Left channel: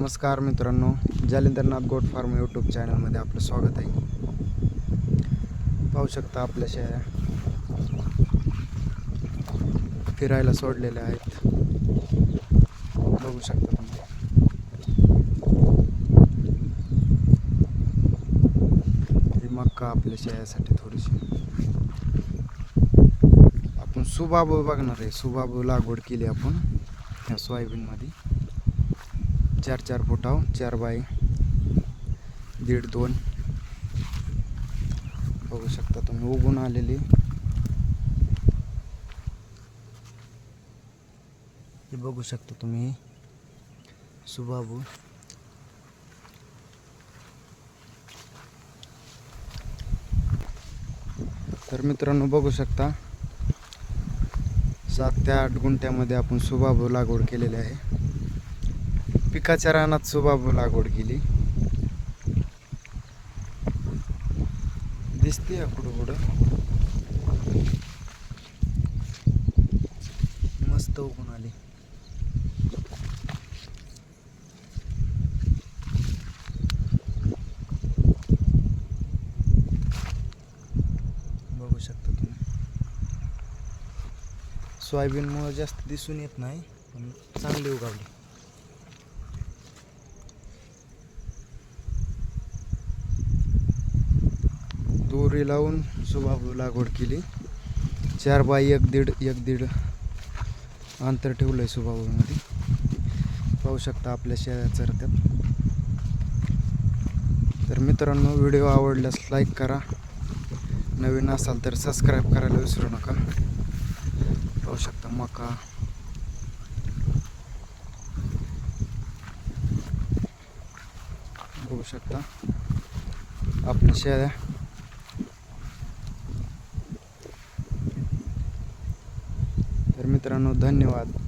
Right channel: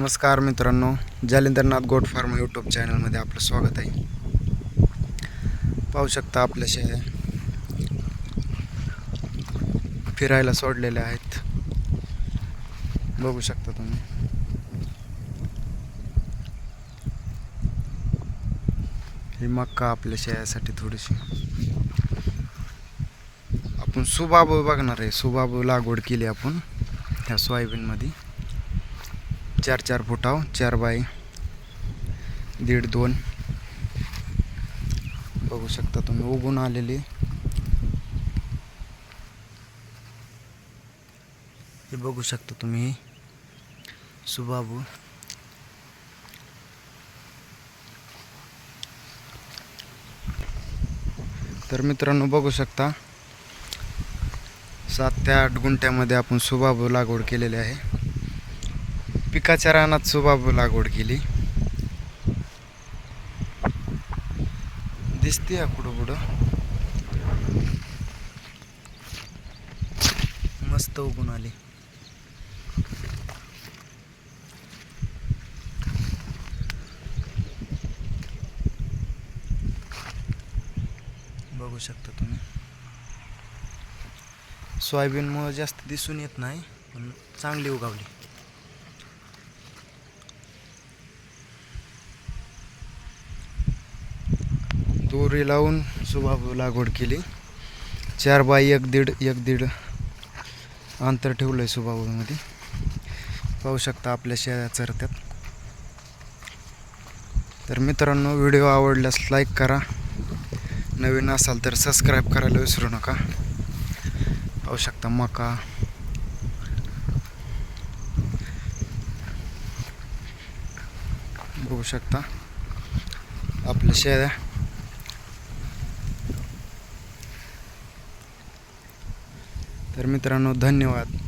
नमस्कार मित्रांनो Jalindarnath goat farm YouTube चॅनलमध्ये आपलं स्वागत आहे. पाहू शकता आपल्या शेळ्या फिरायला सोडलेल्या आहेत. बघू शकता तुम्ही. ही मक्का आपल्या शेळ्यासाठी थोडीशी. आपण सुबाबू बघणार आहे. सुबाबू लागवड केली आपण ह्या सोयाबीनमध्ये. चार चार फुटाव चार बाय दीड दोन. बघू शकता तुम्ही उगून आलेली. हे बघू शकता तुम्ही सुबाबू. तर मित्रांनो बघू शकता सात ते आठ गुंठ्यामध्ये आपण सुबाबू लागवड केलेली आहे. पिकाच्या रानात सुबाबू लागवड केली. दिसते या कुठं कुठं मस्त उगून आली. बघू शकता तुम्ही. सोयाबीनमुळं जास्त दिसून येत नाही पण चांगली उगावली. दोरी लावून सुबाबू लागवड केली. चार बाय एक दीड एक दीड अंतर ठेवलं आहे सुबाबूमध्ये. पाहू शकता आपल्या शेळ्या चरत्यात. तर मित्रांनो व्हिडिओ आवडल्यास लाईक करा. नवीन असाल तर सबस्क्राईब करायला विसरू नका. पाहू शकता मका. बघू शकता आपल्या शेळ्या. तर मित्रांनो धन्यवाद.